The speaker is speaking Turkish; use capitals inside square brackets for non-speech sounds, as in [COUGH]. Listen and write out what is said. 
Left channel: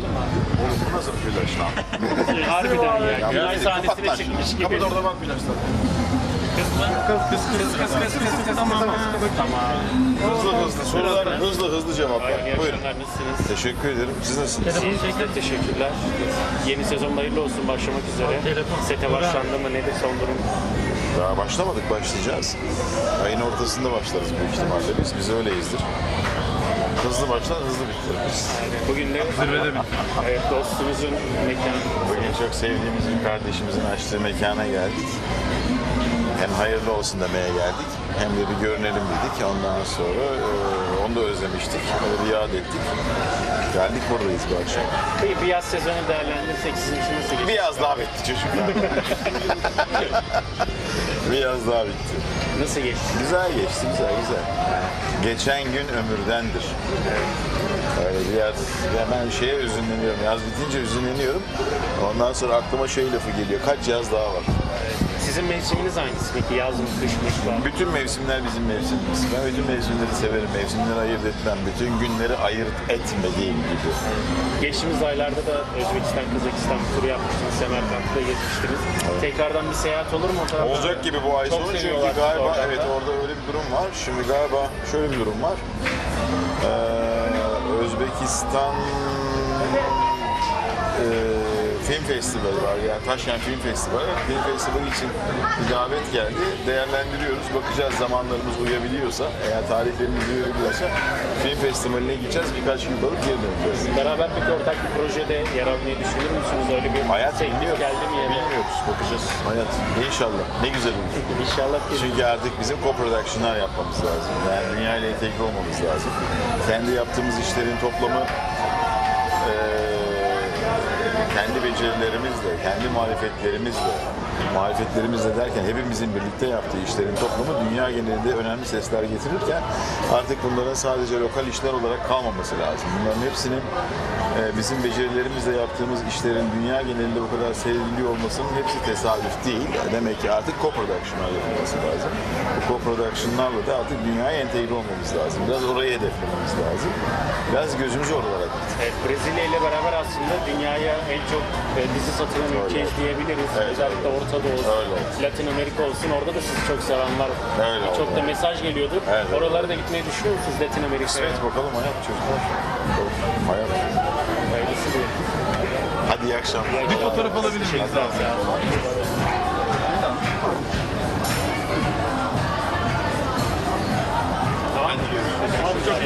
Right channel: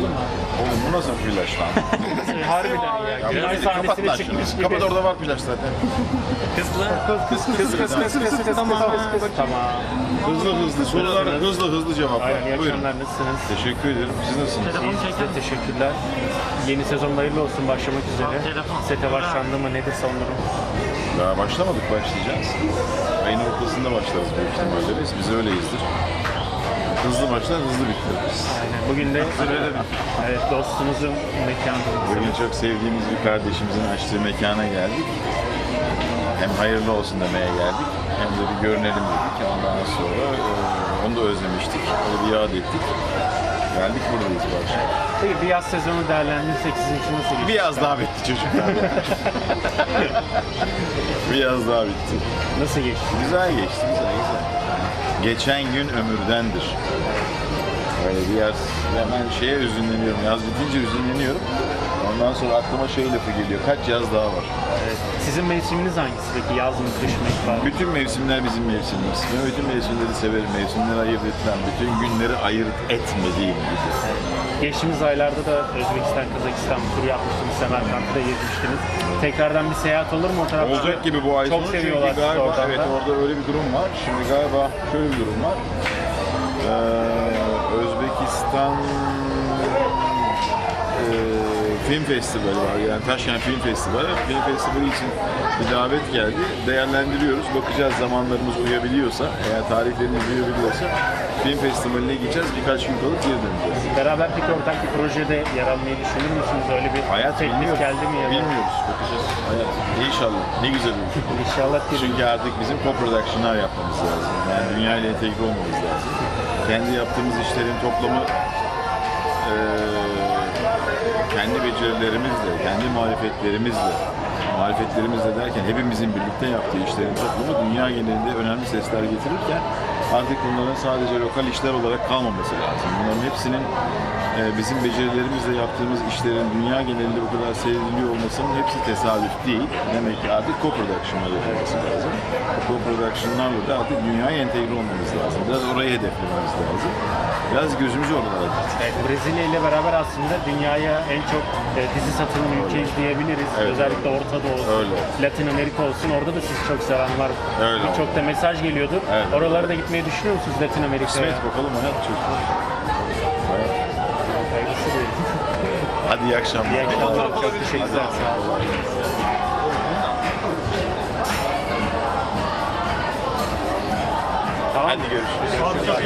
paylaşalım abi. Bu nasıl plaj lan? Harbiden ya. Günay bir sahnesine çıkmış gibi. Kapat orada var plaj zaten. Kız mı? Kız kız kız kız kız kız Tamam. Tamam. Hızlı hızlı sorular hızlı hızlı cevaplar. Buyurun. nasılsınız? Teşekkür ederim. Siz nasılsınız? Size teşekkürler. Yeni sezon hayırlı olsun başlamak üzere. Sete başlandı mı nedir son durum? Daha başlamadık başlayacağız. Ayın ortasında başlarız büyük ihtimalle biz. Biz öyleyizdir. Hızlı başlar hızlı bitiririz. Bugün de zirvede Evet dostunuzun mekanı. Bugün çok sevdiğimiz bir kardeşimizin açtığı mekana geldik. Hem hayırlı olsun demeye geldik. Hem de bir görünelim dedik. Ondan sonra e, onu da özlemiştik. Onu bir yad ettik. Geldik buradayız bu akşam. Peki bir yaz sezonu değerlendirirsek sizin için nasıl geçti? Bir yaz daha bitti çocuklar. [LAUGHS] bir yaz daha bitti. Nasıl geçti? Güzel geçti, güzel güzel. Geçen gün ömürdendir. Öyle bir ya ben şeye üzünleniyorum, yaz bitince üzünleniyorum. Ondan sonra aklıma şey lafı geliyor, kaç yaz daha var? Sizin mevsiminiz hangisi peki? Yaz mı, kış mı, var? Bütün mevsimler bizim mevsimimiz. Ben bütün mevsimleri severim, mevsimleri ayırt etmem. Bütün günleri ayırt etmediğim gibi. Geçtiğimiz aylarda da Özbekistan, Kazakistan turu yapmıştınız. Semerkant'ta gezmiştiniz. Tekrardan bir seyahat olur mu o tarafta? Olacak gibi bu ay Çok sonu seviyorlar çünkü galiba oradan evet da. orada öyle bir durum var. Şimdi galiba şöyle bir durum var. Ee, Özbekistan e, film festivali var yani Taşkent Film Festivali. Film Festivali için bir davet geldi. Değerlendiriyoruz. Bakacağız zamanlarımız uyabiliyorsa, eğer tarihlerimiz uyabiliyorsa film festivaline gideceğiz. Birkaç gün kalıp geri döneceğiz. Beraber peki ortak bir projede yer almayı düşünür müsünüz? Öyle bir Hayat teklif bilmiyoruz. geldi mi? ya da? Bilmiyoruz. Bakacağız. Hayat. İnşallah. Ne güzel olur. [LAUGHS] İnşallah gelir. Çünkü artık bizim co-production'lar yapmamız lazım. Yani dünya ile entegre olmamız lazım. Kendi yaptığımız işlerin toplamı eee, kendi becerilerimizle, kendi marifetlerimizle, marifetlerimizle derken hepimizin birlikte yaptığı işlerin toplamı dünya genelinde önemli sesler getirirken artık bunların sadece lokal işler olarak kalmaması lazım. Bunların hepsinin eee, bizim becerilerimizle yaptığımız işlerin dünya genelinde bu kadar seyrediliyor olmasının hepsi tesadüf değil. Demek ki artık co-production'lar yapılması lazım. Bu co-production'larla da artık dünyaya entegre olmamız lazım. Biraz orayı hedeflememiz lazım. Biraz gözümüzü oralara. Evet, Brezilya ile beraber aslında dünyaya en çok e, dizi satılan ülkeyiz diyebiliriz. Evet. Özellikle Orta Doğu olsun, Öyle. Latin Amerika olsun. Orada da sizi çok seven var. Öyle Birçok da mesaj geliyordur. Evet. Oralara da gitmeyi düşünüyor musunuz Latin Amerika'ya? Kısmet bakalım hayat çocuklar. Hayat. Hayırlısı diyelim. Hadi iyi akşamlar. İyi akşamlar. Çok teşekkürler. Hadi görüşürüz.